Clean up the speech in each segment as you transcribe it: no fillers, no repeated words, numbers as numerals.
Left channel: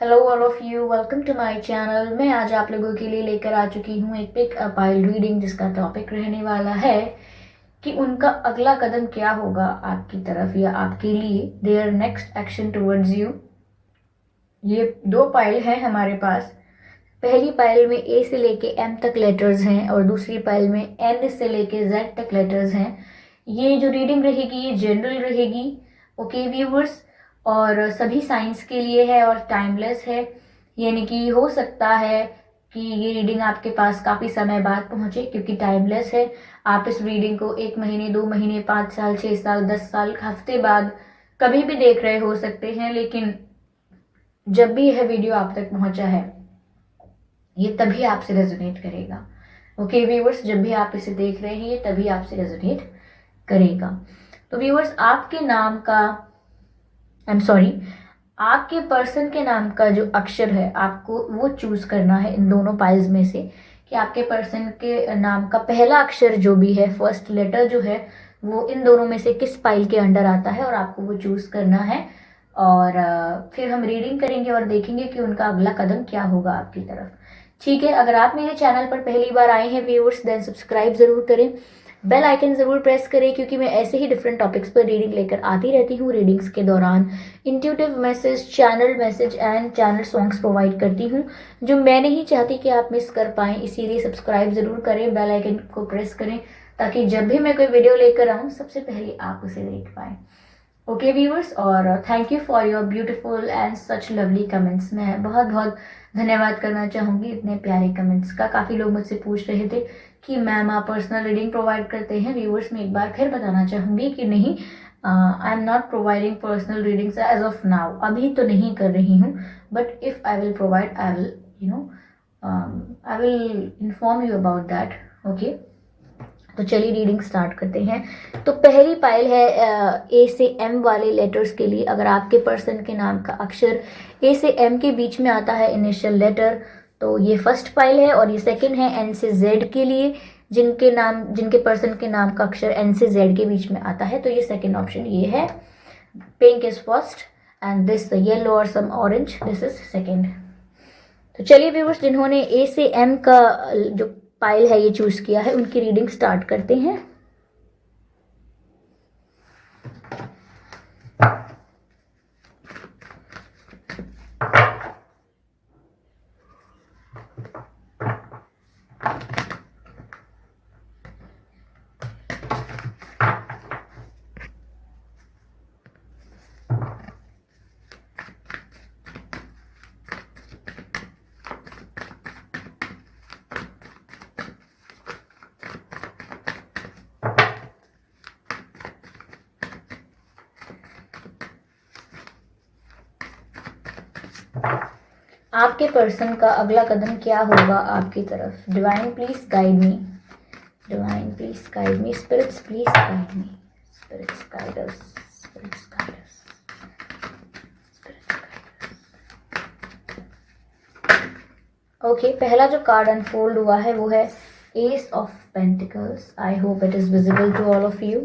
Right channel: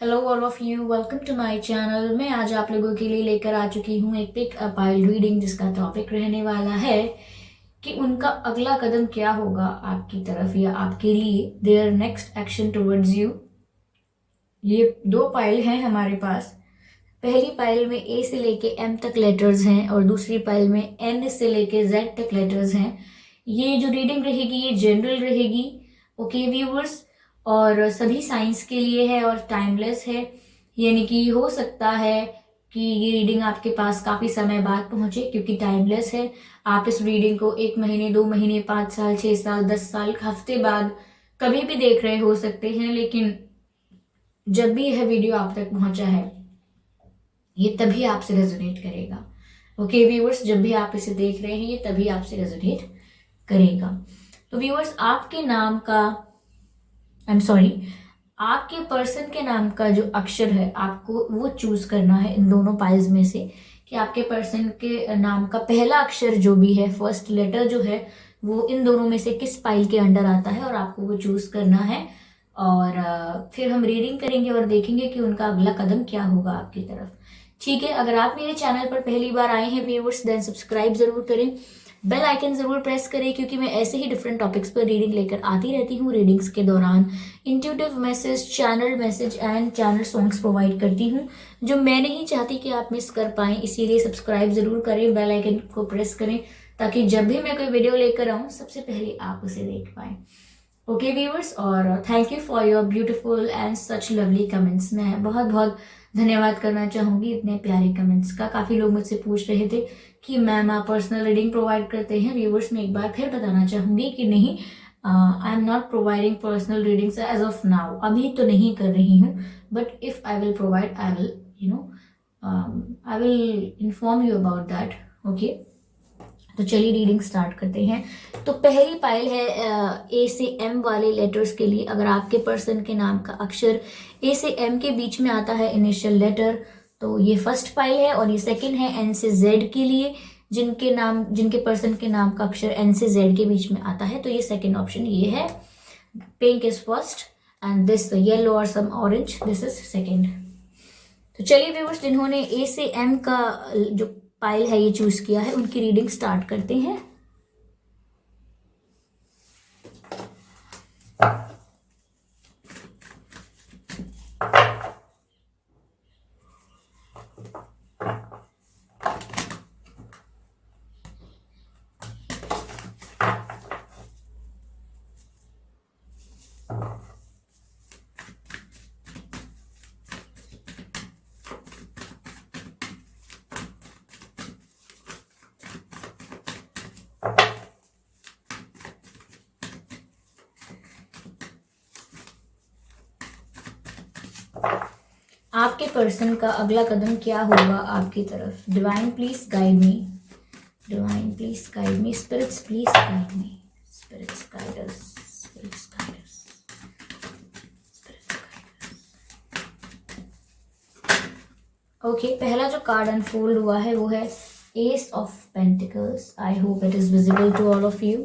Hello all of you, welcome to my channel. मैं आज आप लोगों के लिए लेकर आ चुकी हूँ एक पिक अ पाइल रीडिंग, जिसका टॉपिक रहने वाला है कि उनका अगला कदम क्या होगा आपकी तरफ या आपके लिए, their next action towards you. ये दो पाइल हैं हमारे पास। पहली पाइल में ए से लेके एम तक लेटर्स हैं और दूसरी पाइल में एन से लेके जेड तक लेटर्स हैं। ये जो रीडिंग रहेगी ये जनरल रहेगी, ओके व्यूवर्स, और सभी साइंस के लिए है और टाइमलेस है। यानी कि हो सकता है कि ये रीडिंग आपके पास काफी समय बाद पहुंचे, क्योंकि टाइमलेस है। आप इस रीडिंग को 1 महीने, 2 महीने, 5 साल, 6 साल, 10 साल, हफ्ते बाद कभी भी देख रहे हो सकते हैं, लेकिन जब भी यह वीडियो आप तक पहुंचा है ये तभी आपसे रेजोनेट करेगा। ओके व्यूअर्स, जब भी आप इसे देख रहे हैं ये तभी आपसे रेजोनेट करेगा। तो व्यूअर्स, आपके नाम का, आई एम सॉरी, आपके पर्सन के नाम का जो अक्षर है आपको वो चूज करना है इन दोनों पाइल्स में से, कि आपके पर्सन के नाम का पहला अक्षर जो भी है, फर्स्ट लेटर जो है, वो इन दोनों में से किस पाइल के अंडर आता है और आपको वो चूज करना है। और फिर हम रीडिंग करेंगे और देखेंगे कि उनका अगला कदम क्या होगा आपकी तरफ। ठीक है, अगर आप मेरे चैनल पर पहली बार आए हैं व्यूअर्स, देन सब्सक्राइब जरूर करें, बेल आइकन जरूर प्रेस करें, क्योंकि मैं ऐसे ही डिफरेंट टॉपिक्स पर रीडिंग लेकर आती रहती हूँ। रीडिंग्स के दौरान intuitive message, channel message and channel songs provide करती हूँ, जो मैं नहीं चाहती कि आप मिस कर पाएं। इसीलिए सब्सक्राइब जरूर करें, बेल आइकन को प्रेस करें, ताकि जब भी मैं कोई वीडियो लेकर आऊँ सबसे पहले आप उसे देख पाएं। ओके व्यूअर्स, और thank you for your beautiful and such lovely comments. मैं बहुत बहुत धन्यवाद करना चाहूंगी इतने प्यारे कमेंट्स का। काफ़ी लोग मुझसे पूछ रहे थे कि मैम आप पर्सनल रीडिंग प्रोवाइड करते हैं। व्यूअर्स, मैं एक बार फिर बताना चाहूंगी कि नहीं, I am not providing personal readings as of now. अभी तो नहीं कर रही हूँ, but if I will provide, I will I will inform you about that. Okay, तो चलिए रीडिंग स्टार्ट करते हैं। तो पहली पाइल है ए से एम वाले लेटर्स के लिए। अगर आपके पर्सन के नाम का अक्षर ए से एम के बीच में आता है, इनिशियल लेटर, तो ये फर्स्ट पाइल है। और ये सेकंड है एन से जेड के लिए, जिनके पर्सन के नाम का अक्षर एन से जेड के बीच में आता है, तो ये सेकंड ऑप्शन ये है। Pink is first and this yellow और some orange, this is second. तो चलिए व्यूअर्स, जिन्होंने ए से एम का जो पाइल है ये चूज किया है, उनकी रीडिंग स्टार्ट करते हैं। आपके पर्सन का अगला कदम क्या होगा आपकी तरफ। Divine please guide me, divine please guide me, spirits please guide me, spirits guide us, spirits guide us, spirits guide us. Okay, पहला जो कार्ड अनफोल्ड हुआ है वो है ace of pentacles. I hope it is visible to all of you.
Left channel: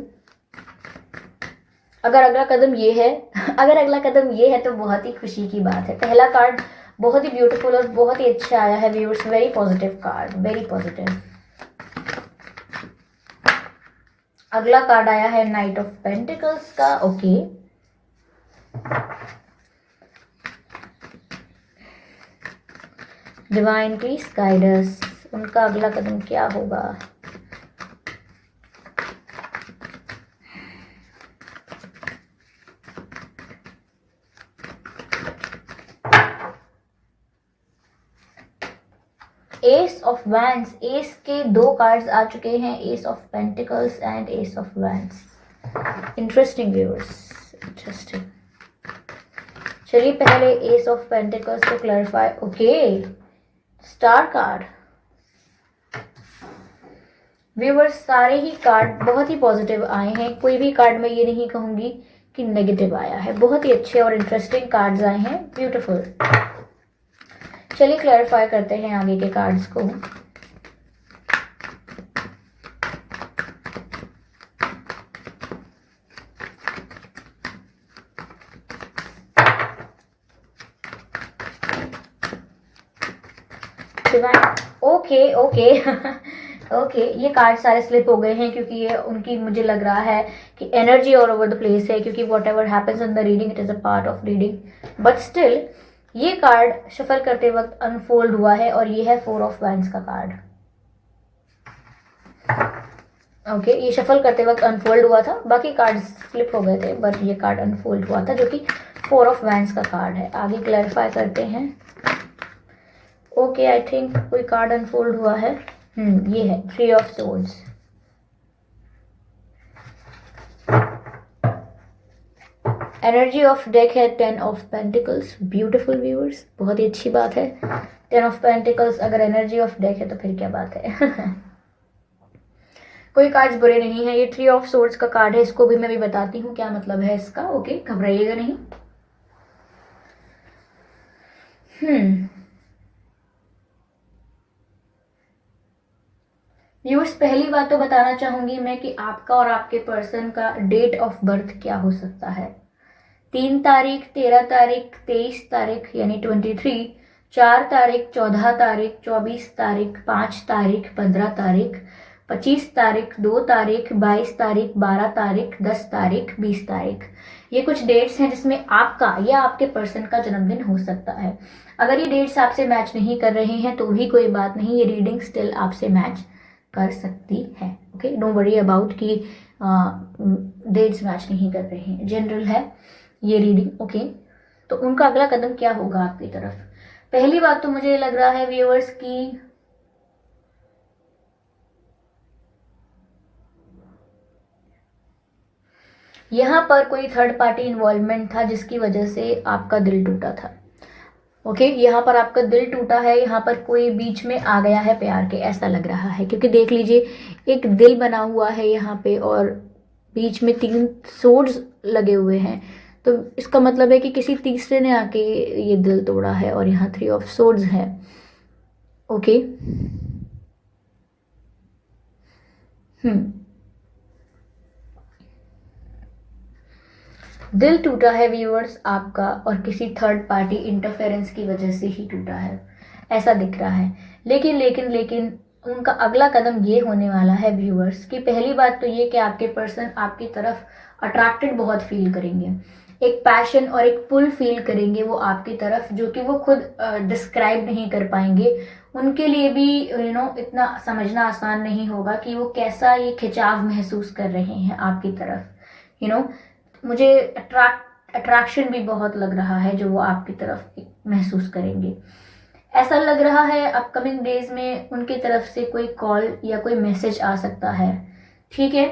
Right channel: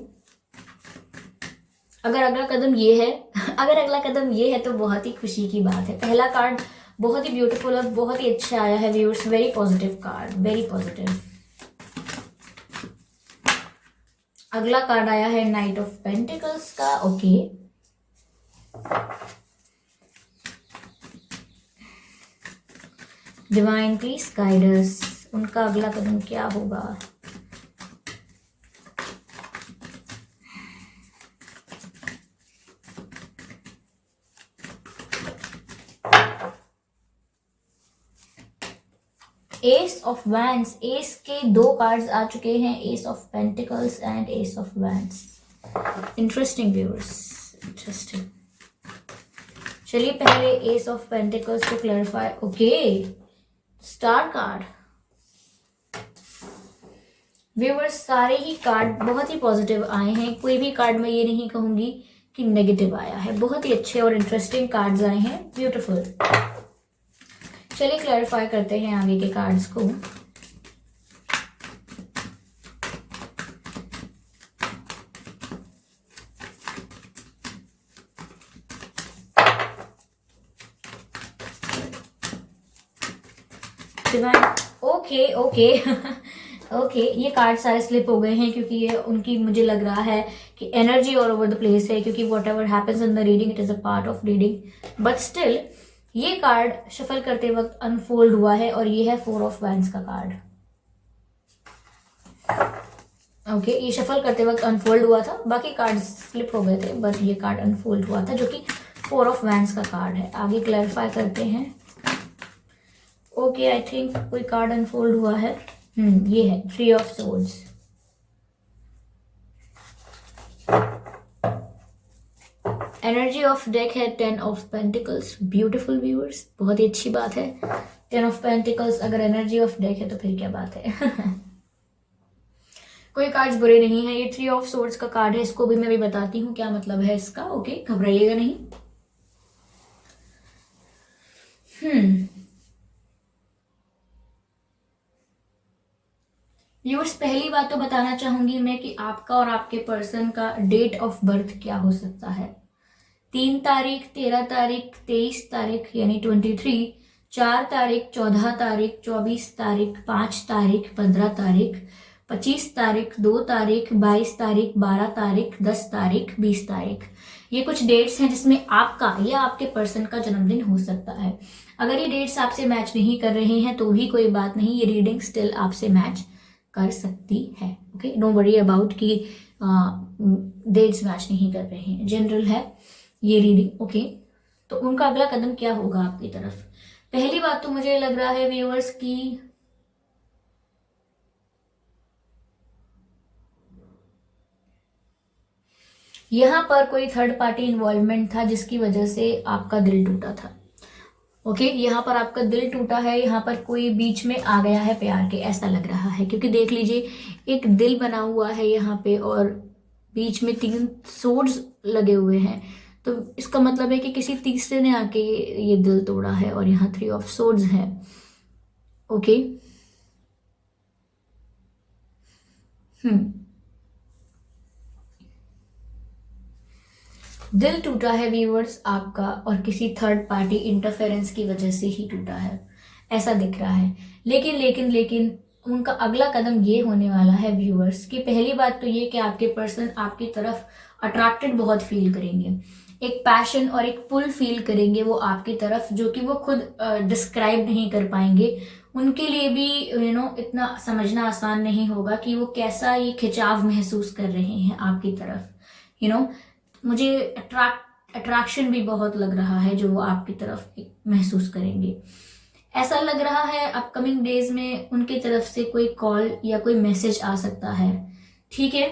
अगर अगला कदम ये है अगर अगला कदम ये है तो बहुत ही खुशी की बात है। पहला कार्ड बहुत ही ब्यूटीफुल और बहुत ही अच्छा आया है viewers, very positive card, very positive. अगला कार्ड आया है नाइट ऑफ पेंटिकल्स का। Okay, divine please guide us, उनका अगला कदम क्या होगा। एस ऑफ वैंड्स, एस के दो कार्ड्स आ चुके हैं, S of pentacles and S of wands. Interesting viewers, interesting. चलिए पहले एस ऑफ पेंटिकल्स को clarify. Okay, star card. Viewers, सारे ही कार्ड बहुत ही पॉजिटिव आए हैं। कोई भी कार्ड मैं ये नहीं कहूंगी कि नेगेटिव आया है। बहुत ही अच्छे और इंटरेस्टिंग कार्ड्स आए हैं, ब्यूटीफुल। चलिए क्लैरिफाई करते हैं आगे के कार्ड्स को। डिवाइन, ओके ओके ओके, ये कार्ड सारे स्लिप हो गए हैं क्योंकि ये उनकी, मुझे लग रहा है कि energy all over the place है, क्योंकि what ever happens in the reading it is a part of reading, but still ये कार्ड शफल करते वक्त अनफोल्ड हुआ है और ये है 4 ऑफ वैंड्स का कार्ड। ओके, ये शफल करते वक्त अनफोल्ड हुआ था, बाकी कार्ड स्लिप हो गए थे, बट ये कार्ड अनफोल्ड हुआ था जो कि 4 ऑफ वैंड्स का कार्ड है। आगे क्लैरिफाई करते हैं। ओके, आई थिंक कोई कार्ड अनफोल्ड हुआ है। ये है 3 of swords. Energy of deck है 10 ऑफ पेंटिकल्स। ब्यूटीफुल व्यूअर्स, बहुत ही अच्छी बात है। 10 ऑफ पेंटिकल्स अगर एनर्जी ऑफ डेक है तो फिर क्या बात है। कोई कार्ड्स बुरे नहीं है। ये 3 ऑफ सोर्ड्स का कार्ड है, इसको भी मैं भी बताती हूँ क्या मतलब है इसका। ओके, घबराइएगा नहीं। व्यूअर्स, पहली बात तो बताना चाहूंगी मैं कि आपका और आपके पर्सन का डेट ऑफ बर्थ क्या हो सकता है। 3 तारीख, 13 तारीख, 23 तारीख यानी 23, 4 तारीख, 14 तारीख, 24 तारीख, 5 तारीख, 15 तारीख, 25 तारीख, 2 तारीख, 22 तारीख, 12 तारीख, 10 तारीख, 20 तारीख। ये कुछ डेट्स हैं जिसमें आपका या आपके पर्सन का जन्मदिन हो सकता है। अगर ये डेट्स आपसे मैच नहीं कर रहे हैं तो भी कोई बात नहीं, ये रीडिंग स्टिल आपसे मैच कर सकती है। ओके, नो वरी अबाउट कि डेट्स मैच नहीं कर रहे हैं, जनरल है ये रीडिंग। ओके, तो उनका अगला कदम क्या होगा आपकी तरफ। पहली बात तो मुझे लग रहा है व्यूअर्स की यहां पर कोई थर्ड पार्टी इन्वॉल्वमेंट था जिसकी वजह से आपका दिल टूटा था। ओके, यहाँ पर आपका दिल टूटा है, यहाँ पर कोई बीच में आ गया है प्यार के, ऐसा लग रहा है। क्योंकि देख लीजिए एक दिल बना हुआ है यहाँ पे और बीच में 3 सोर्ड्स लगे हुए हैं, तो इसका मतलब है कि किसी तीसरे ने आके ये दिल तोड़ा है। और यहाँ 3 ऑफ सोर्ड्स है। ओके, दिल टूटा है व्यूअर्स आपका, और किसी थर्ड पार्टी इंटरफेरेंस की वजह से ही टूटा है, ऐसा दिख रहा है। लेकिन लेकिन लेकिन उनका अगला कदम ये होने वाला है व्यूअर्स कि पहली बात तो ये कि आपके पर्सन आपकी तरफ अट्रैक्टेड बहुत फील करेंगे, एक पैशन और एक पुल फील करेंगे वो आपकी तरफ, जो कि वो खुद डिस्क्राइब नहीं कर पाएंगे। उनके लिए भी इतना समझना आसान नहीं होगा कि वो कैसा ये खिंचाव महसूस कर रहे हैं आपकी तरफ। मुझे अट्रैक्शन भी बहुत लग रहा है जो वो आपकी तरफ महसूस करेंगे। ऐसा लग रहा है अपकमिंग डेज में उनकी तरफ से कोई कॉल या कोई मैसेज आ सकता है, ठीक है,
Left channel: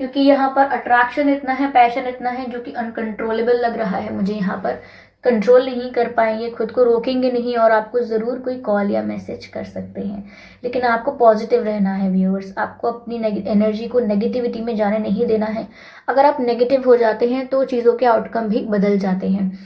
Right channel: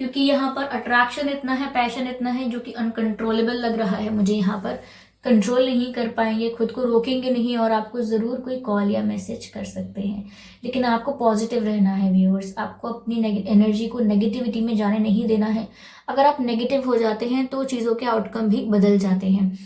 क्योंकि यहाँ पर अट्रैक्शन इतना है, पैशन इतना है जो कि अनकंट्रोलेबल लग रहा है मुझे। यहाँ पर कंट्रोल नहीं कर पाएंगे, खुद को रोकेंगे नहीं, और आपको ज़रूर कोई कॉल या मैसेज कर सकते हैं। लेकिन आपको पॉजिटिव रहना है व्यूअर्स, आपको अपनी एनर्जी को नेगेटिविटी में जाने नहीं देना है। अगर आप नेगेटिव हो जाते हैं तो चीज़ों के आउटकम भी बदल जाते हैं।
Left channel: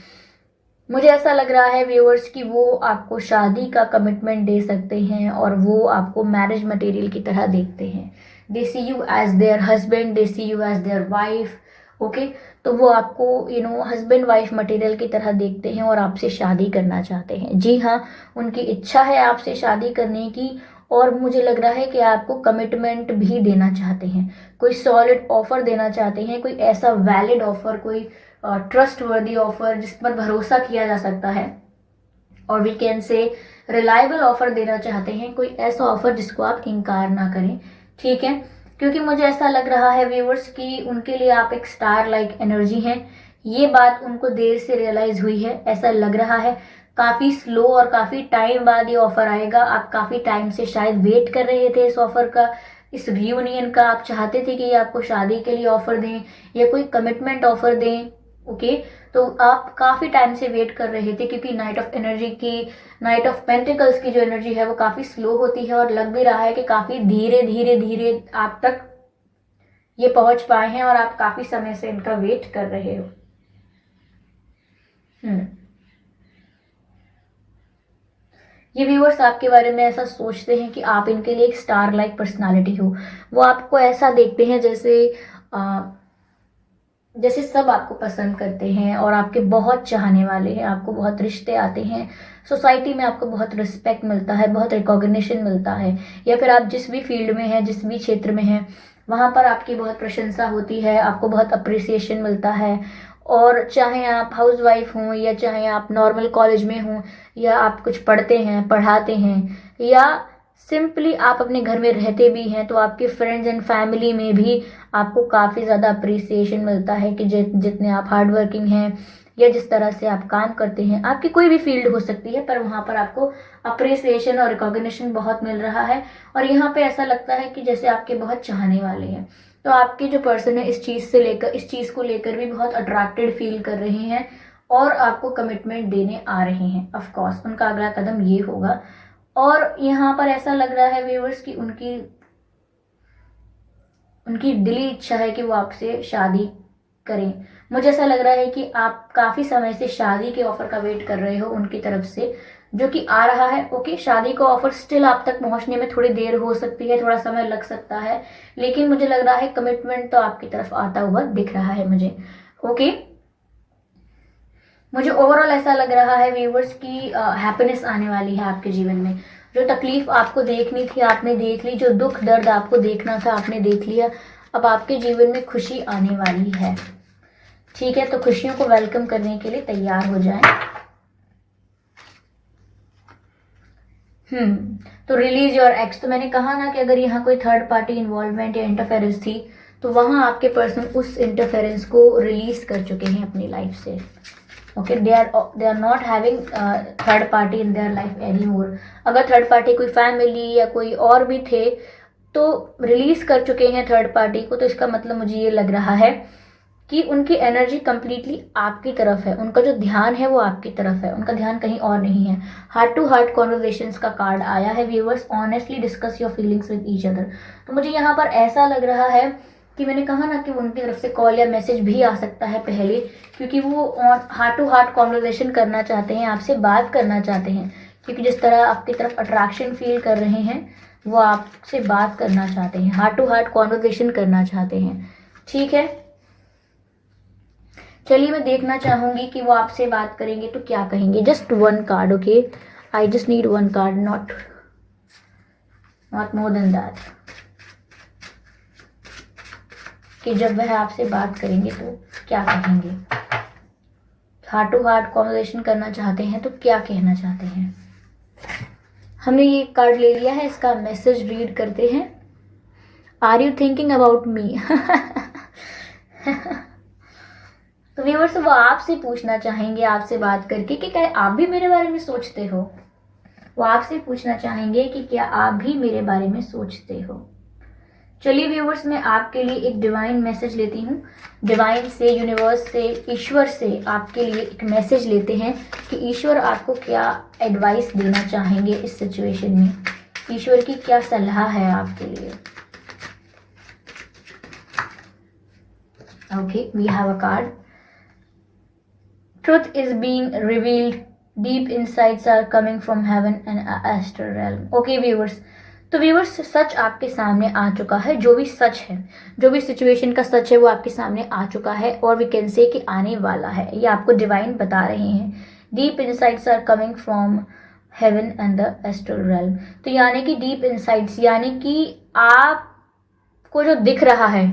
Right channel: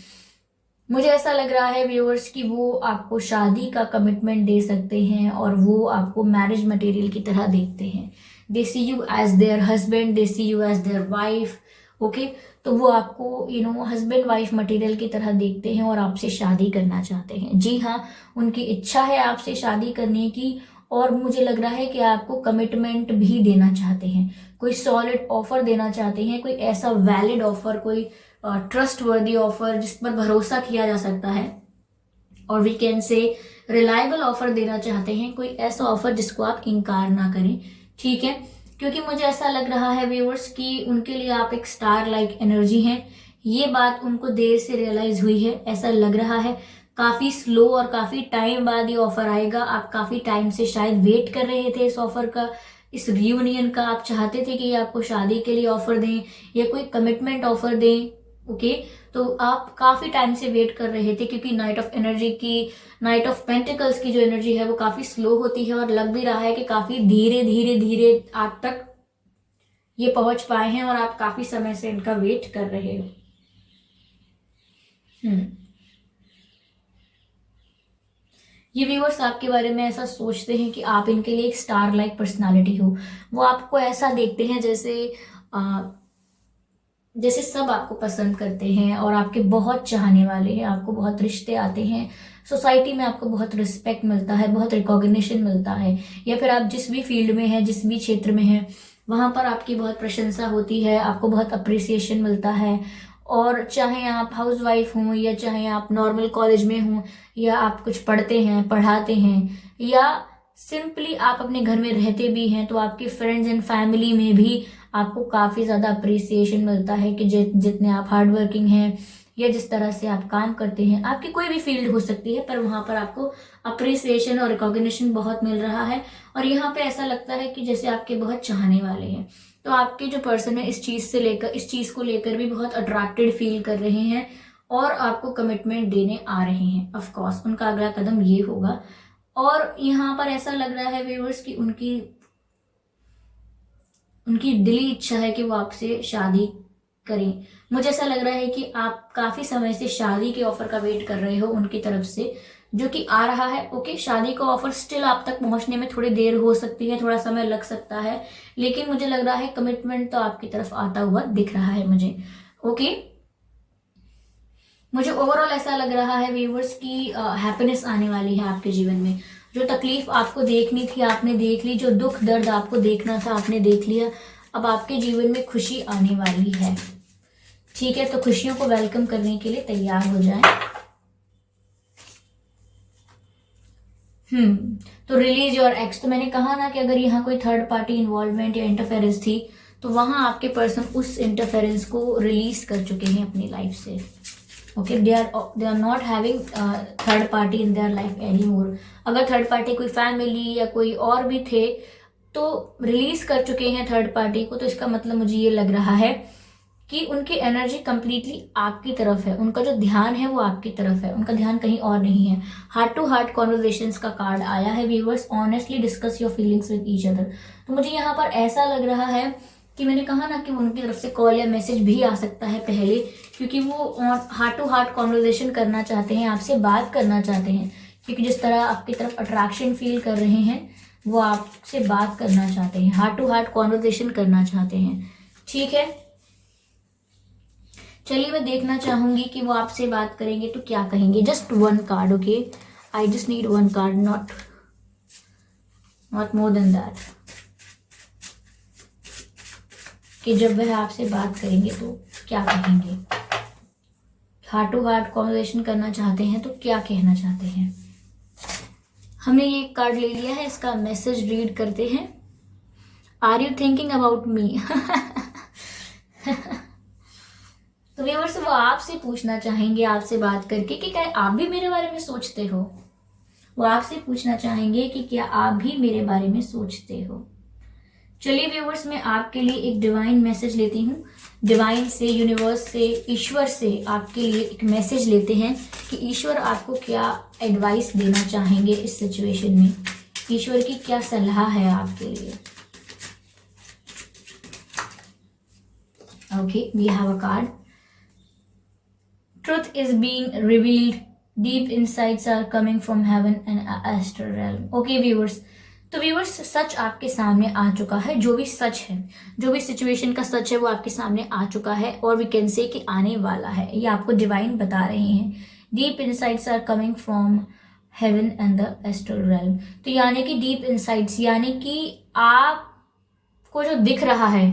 मुझे ऐसा लग रहा है व्यूअर्स कि वो आपको शादी का कमिटमेंट दे सकते हैं और वो आपको मैरिज मटेरियल की तरह देखते हैं। They see you as their husband, they see you as their wife. Okay, तो वो आपको हस्बैंड वाइफ मटेरियल की तरह देखते हैं और आपसे शादी करना चाहते हैं। जी हाँ, उनकी इच्छा है आपसे शादी करने की, और मुझे लग रहा है कि आपको कमिटमेंट भी देना चाहते हैं, कोई सॉलिड ऑफर देना चाहते हैं, कोई ऐसा वैलिड ऑफर, कोई ट्रस्ट वर्दी ऑफर जिस पर भरोसा किया जा सकता है, और we can say reliable offer देना चाहते हैं, कोई ऐसा ऑफर जिसको आप इनकार ना करें, ठीक है। क्योंकि मुझे ऐसा लग रहा है व्यूअर्स कि उनके लिए आप एक स्टार लाइक एनर्जी हैं। ये बात उनको देर से रियलाइज हुई है, ऐसा लग रहा है। काफी स्लो और काफी टाइम बाद ये ऑफर आएगा। आप काफी टाइम से शायद वेट कर रहे थे इस ऑफर का, इस रियूनियन का। आप चाहते थे कि ये आपको शादी के लिए ऑफर दें या कोई कमिटमेंट ऑफर दें। ओके, तो आप काफी टाइम से वेट कर रहे थे, क्योंकि नाइट ऑफ पेंटिकल्स की जो एनर्जी है वो काफी स्लो होती है, और लग भी रहा है कि काफी धीरे धीरे धीरे आप तक ये पहुंच पाए हैं, और आप काफी समय से इनका वेट कर रहे हो। ये व्यूअर्स आपके बारे में ऐसा सोचते हैं कि आप इनके लिए एक स्टार लाइक पर्सनालिटी हो। वो आपको ऐसा देखते हैं जैसे जैसे सब आपको पसंद करते हैं और आपके बहुत चाहने वाले हैं, आपको बहुत रिश्ते आते हैं, सोसाइटी में आपको बहुत रिस्पेक्ट मिलता है, बहुत रिकॉग्निशन मिलता है, या फिर आप जिस भी फील्ड में हैं, जिस भी क्षेत्र में हैं, वहाँ पर आपकी बहुत प्रशंसा होती है, आपको बहुत अप्रिसिएशन मिलता है। और चाहे आप हाउस वाइफ हों, या चाहे आप नॉर्मल कॉलेज में हों, या आप कुछ पढ़ते हैं, पढ़ाते हैं, या सिंपली आप अपने घर में रहते भी हैं, तो आपके फ्रेंड्स एंड फैमिली में भी आपको काफ़ी ज़्यादा अप्रिसिएशन मिलता है कि जितने आप हार्ड वर्किंग हैं, या जिस तरह से आप काम करते हैं, आपकी कोई भी फील्ड हो सकती है, पर वहाँ पर आपको अप्रिसिएशन और रिकॉग्निशन बहुत मिल रहा है। और यहाँ पे ऐसा लगता है कि जैसे आपके बहुत चाहने वाले हैं, तो आपके जो पर्सन है इस चीज़ को लेकर भी बहुत अट्रैक्टेड फील कर रहे हैं, और आपको कमिटमेंट देने आ रहे हैं। ऑफ कोर्स उनका अगला कदम ये होगा। और यहाँ पर ऐसा लग रहा है व्यूअर्स कि उनकी उनकी दिली इच्छा है कि वो आपसे शादी करें। मुझे ऐसा लग रहा है कि आप काफी समय से शादी के ऑफर का वेट कर रहे हो उनकी तरफ से, जो कि आ रहा है। ओके, शादी का ऑफर स्टिल आप तक पहुंचने में थोड़ी देर हो सकती है, थोड़ा समय लग सकता है, लेकिन मुझे लग रहा है कमिटमेंट तो आपकी तरफ आता हुआ दिख रहा है मुझे। ओके, मुझे ओवरऑल ऐसा लग रहा है व्यूवर्स की हैप्पीनेस आने वाली है आपके जीवन में। जो तकलीफ आपको देखनी थी आपने देख ली, जो दुख दर्द आपको देखना था आपने देख लिया। अब आपके जीवन में खुशी आने वाली है। ठीक है, तो खुशियों को वेलकम करने के लिए तैयार हो जाएं। तो रिलीज योर एक्स। तो मैंने कहा ना कि अगर यहाँ कोई थर्ड पार्टी इन्वॉल्वमेंट या इंटरफेरेंस थी, तो वहां आपके पर्सन उस इंटरफेरेंस को रिलीज कर चुके हैं अपनी लाइफ से। ओके, they are not having third party in their life any more. अगर थर्ड पार्टी कोई फैमिली या कोई और भी थे, तो रिलीज कर चुके हैं थर्ड पार्टी को, तो इसका मतलब मुझे ये लग रहा है कि उनकी एनर्जी कंप्लीटली आपकी तरफ है, उनका जो ध्यान है वो आपकी तरफ है, उनका ध्यान कहीं और नहीं है। हार्ट टू हार्ट कॉन्वर्जेशंस का कार्ड आया है viewers. Honestly discuss your feelings with each other. तो मुझे यहाँ पर ऐसा लग रहा है कि मैंने कहा ना कि उनकी तरफ से कॉल या मैसेज भी आ सकता है पहले, क्योंकि वो हार्ट टू हार्ट कॉन्वर्जेशन करना चाहते हैं, आपसे बात करना चाहते हैं, क्योंकि जिस तरह आपकी तरफ अट्रैक्शन फील कर रहे हैं, वो आपसे बात करना चाहते हैं, हार्ट टू हार्ट कॉन्वर्जेशन करना चाहते हैं। ठीक है, चलिए मैं देखना चाहूंगी कि वो आपसे बात करेंगे तो क्या कहेंगे। Just one card, okay, I just need one card, not more than that, कि जब वह आपसे बात करेंगे तो क्या कहेंगे। हार्ट टू हार्ट कॉन्वर्सेशन करना चाहते हैं तो क्या कहना चाहते हैं। हमने ये कार्ड ले लिया है, इसका मैसेज रीड करते हैं। Are you thinking about me. तो व्यूअर्स, वो आपसे पूछना चाहेंगे, आपसे बात करके, कि क्या आप भी मेरे बारे में सोचते हो। वो आपसे पूछना चाहेंगे कि क्या आप भी मेरे बारे में सोचते हो। चलिए व्यूअर्स, मैं आपके लिए एक डिवाइन मैसेज लेती हूँ। डिवाइन से, यूनिवर्स से, ईश्वर से आपके लिए एक मैसेज लेते हैं कि ईश्वर आपको क्या एडवाइस देना चाहेंगे इस सिचुएशन में। ईश्वर की क्या सलाह है आपके लिए। ओके, we have a card. Truth is being revealed. Deep insights are coming from heaven and astral realm. Okay viewers, तो व्यूअर्स, सच आपके सामने आ चुका है। जो भी सच है, जो भी सिचुएशन का सच है, वो आपके सामने आ चुका है, और वी कैन से कि आने वाला है। ये आपको डिवाइन बता रहे हैं। Deep insights are coming from heaven and the astral realm. तो यानी कि डीप इनसाइट्स, यानी कि आपको जो दिख रहा है,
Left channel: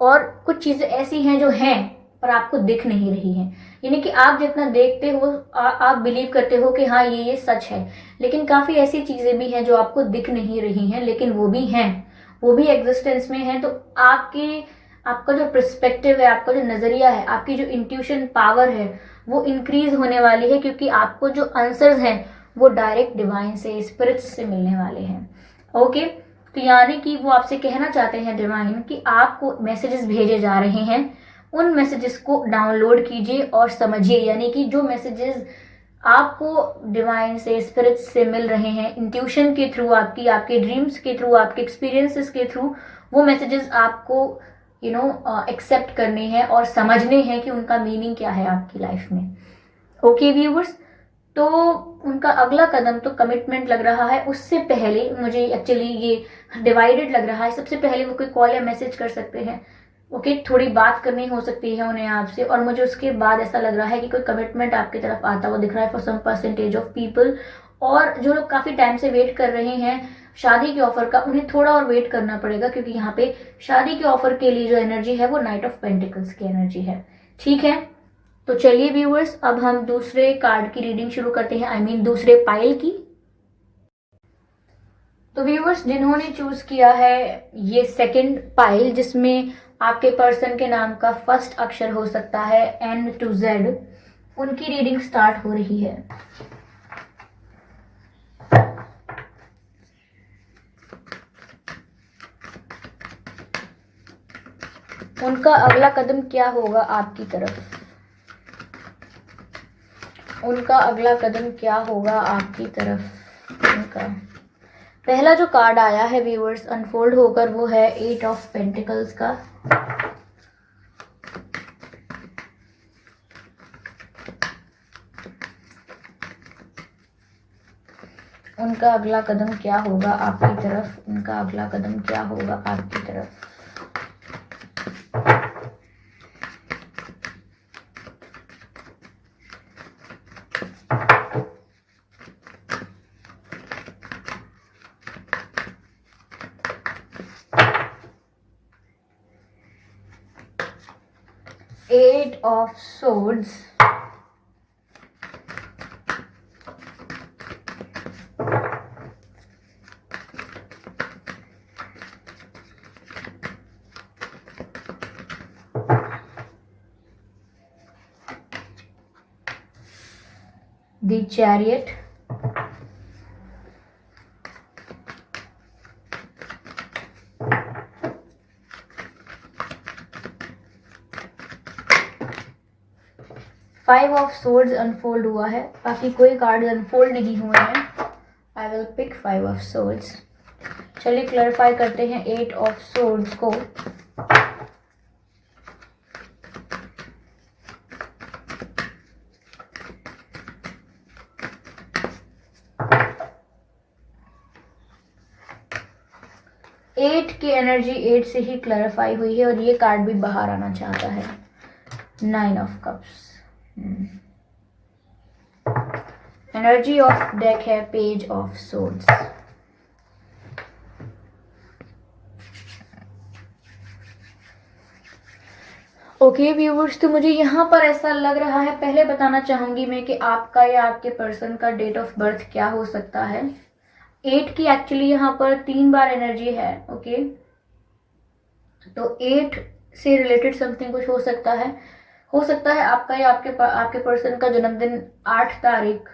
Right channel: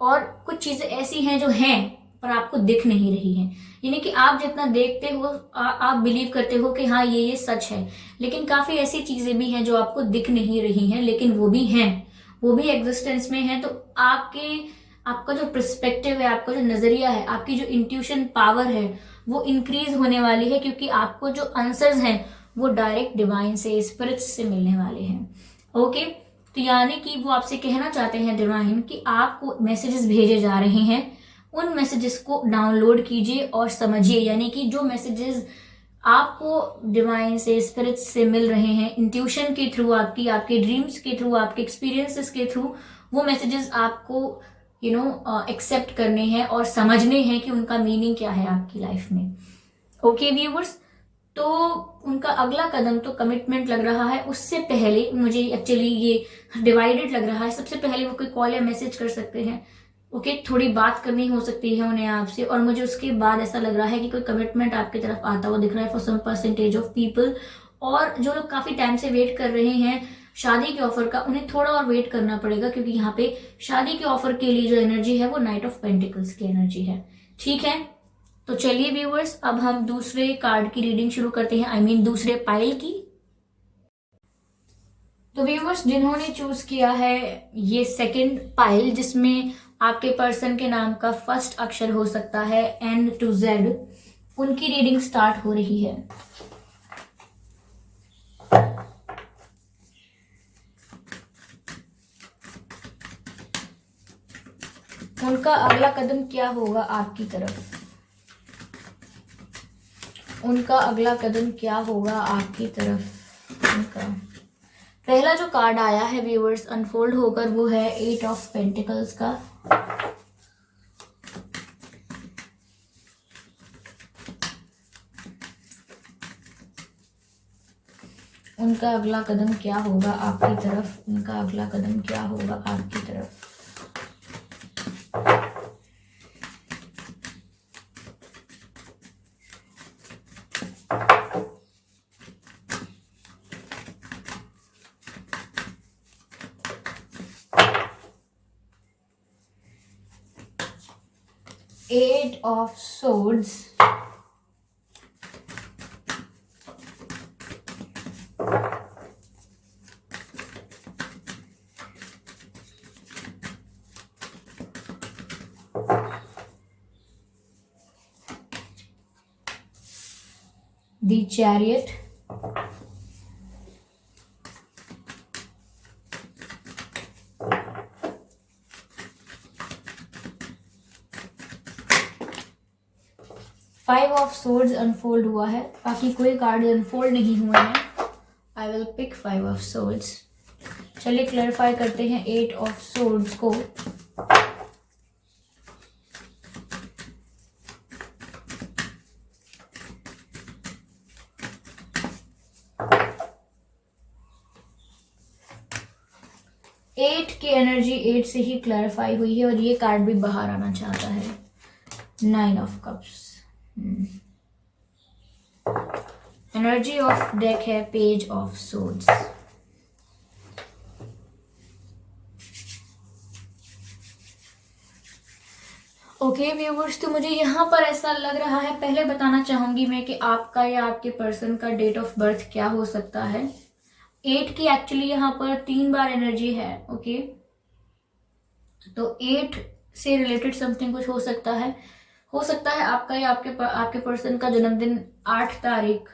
और कुछ चीजें ऐसी हैं जो हैं पर आपको दिख नहीं रही हैं। यानी कि आप जितना देखते हो, आप बिलीव करते हो कि हाँ ये सच है, लेकिन काफी ऐसी चीजें भी हैं जो आपको दिख नहीं रही हैं, लेकिन वो भी हैं, वो भी एग्जिस्टेंस में हैं। तो आपका जो पर्सपेक्टिव है, आपका जो नजरिया है, आपकी जो इंट्यूशन पावर है, वो इंक्रीज होने वाली है, क्योंकि आपको जो आंसर्स हैं वो डायरेक्ट डिवाइन से, स्पिरिट्स से मिलने वाले हैं। ओके, तो यानी कि वो आपसे कहना चाहते हैं डिवाइन कि आपको मैसेजेस भेजे जा रहे हैं, उन मैसेजेस को डाउनलोड कीजिए और समझिए। यानी कि जो मैसेजेस आपको डिवाइन से, स्पिरिट्स से मिल रहे हैं, इंट्यूशन के थ्रू, आपके ड्रीम्स के थ्रू, आपके एक्सपीरियंसेस के थ्रू, वो मैसेजेस आपको एक्सेप्ट करने हैं और समझने हैं कि उनका मीनिंग क्या है आपकी लाइफ में। ओके व्यूवर्स, तो उनका अगला कदम तो कमिटमेंट लग रहा है। उससे पहले मुझे एक्चुअली ये डिवाइडेड लग रहा है। सबसे पहले वो कोई कॉल या मैसेज कर सकते हैं, ओके, थोड़ी बात करनी हो सकती है उन्हें आपसे, और मुझे उसके बाद ऐसा लग रहा है कि कोई कमिटमेंट आपकी तरफ आता हुआ दिख रहा है for some percentage of people. और जो लोग काफी टाइम से वेट कर रहे हैं शादी के ऑफर का, उन्हें थोड़ा और वेट करना पड़ेगा, क्योंकि यहाँ पे शादी के ऑफर के लिए जो एनर्जी है वो नाइट ऑफ पेंटिकल्स की एनर्जी है। ठीक है, तो चलिए व्यूअर्स, अब हम दूसरे कार्ड की रीडिंग शुरू करते हैं, आई मीन दूसरे पाइल की। तो व्यूअर्स, जिन्होंने चूज किया है ये सेकंड पाइल, जिसमें आपके पर्सन के नाम का फर्स्ट अक्षर हो सकता है N to Z, उनकी रीडिंग स्टार्ट हो रही है। उनका अगला कदम क्या होगा आपकी तरफ? उनका अगला कदम क्या होगा आपकी तरफ? उनका पहला जो कार्ड आया है व्यूअर्स अनफोल्ड होकर, वो है 8 ऑफ पेंटिकल्स का। उनका अगला कदम क्या होगा आपकी तरफ? उनका अगला कदम क्या होगा आपकी तरफ? Eight of Swords, 'The Chariot', 5 of Swords unfold हुआ है, बाकी कोई कार्ड अनफोल्ड नहीं हुए हैं। I will pick 5 of Swords। चलिए क्लैरिफाई करते हैं 8 ऑफ Swords को। एट की एनर्जी 8 से ही क्लैरिफाई हुई है, और ये कार्ड भी बाहर आना चाहता है। 9 of cups. Energy of deck है page of swords. Okay viewers, तो मुझे यहाँ पर ऐसा लग रहा है, पहले बताना चाहूंगी मैं कि आपका या आपके पर्सन का डेट ऑफ बर्थ क्या हो सकता है। 8 की एक्चुअली यहाँ पर 3 बार एनर्जी है। ओके, तो 8 से रिलेटेड समथिंग कुछ हो सकता है। आपका या आपके पर्सन का जन्मदिन 8 तारीख,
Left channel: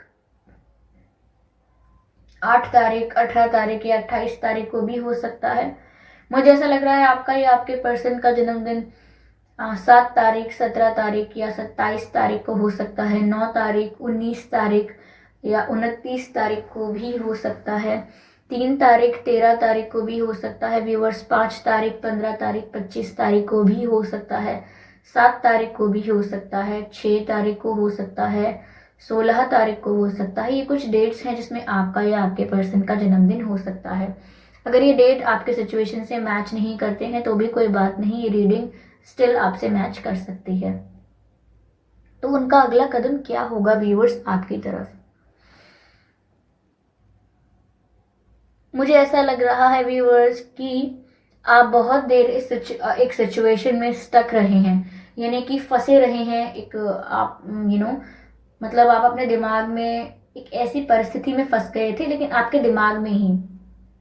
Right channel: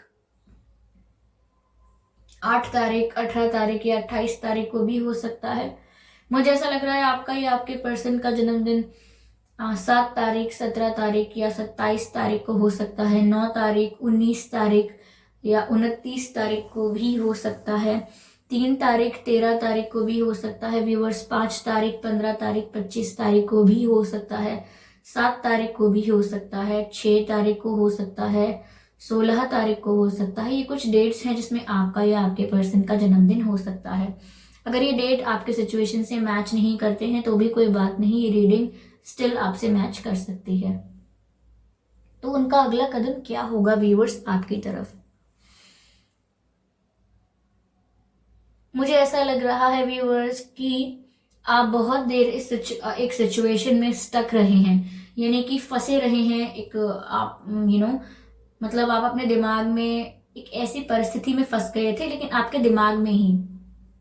18 तारीख या 28 तारीख को भी हो सकता है। मुझे ऐसा लग रहा है आपका या आपके पर्सन का जन्मदिन 7 तारीख, 17 तारीख या 27 तारीख को हो सकता है। 9 तारीख, 19 तारीख या 29 तारीख को भी हो सकता है। 3 तारीख, 13 तारीख को भी हो सकता है व्यूवर्स। 5 तारीख, 15 तारीख, 25 तारीख को भी हो सकता है। 7 तारीख को भी हो सकता है। 6 तारीख को हो सकता है। 16 तारीख को हो सकता है। ये कुछ डेट्स हैं जिसमें आपका या आपके पर्सन का जन्मदिन हो सकता है। अगर ये डेट आपके सिचुएशन से मैच नहीं करते हैं तो भी कोई बात नहीं, ये रीडिंग स्टिल आपसे मैच कर सकती है। तो उनका अगला कदम क्या होगा व्यूअर्स आपकी तरफ? मुझे ऐसा लग रहा है व्यूअर्स कि आप बहुत देर एक सिचुएशन में स्टक रहे हैं, यानी कि फंसे रहे हैं। एक आप मतलब आप अपने दिमाग में एक ऐसी परिस्थिति में फंस गए थे, लेकिन आपके दिमाग में ही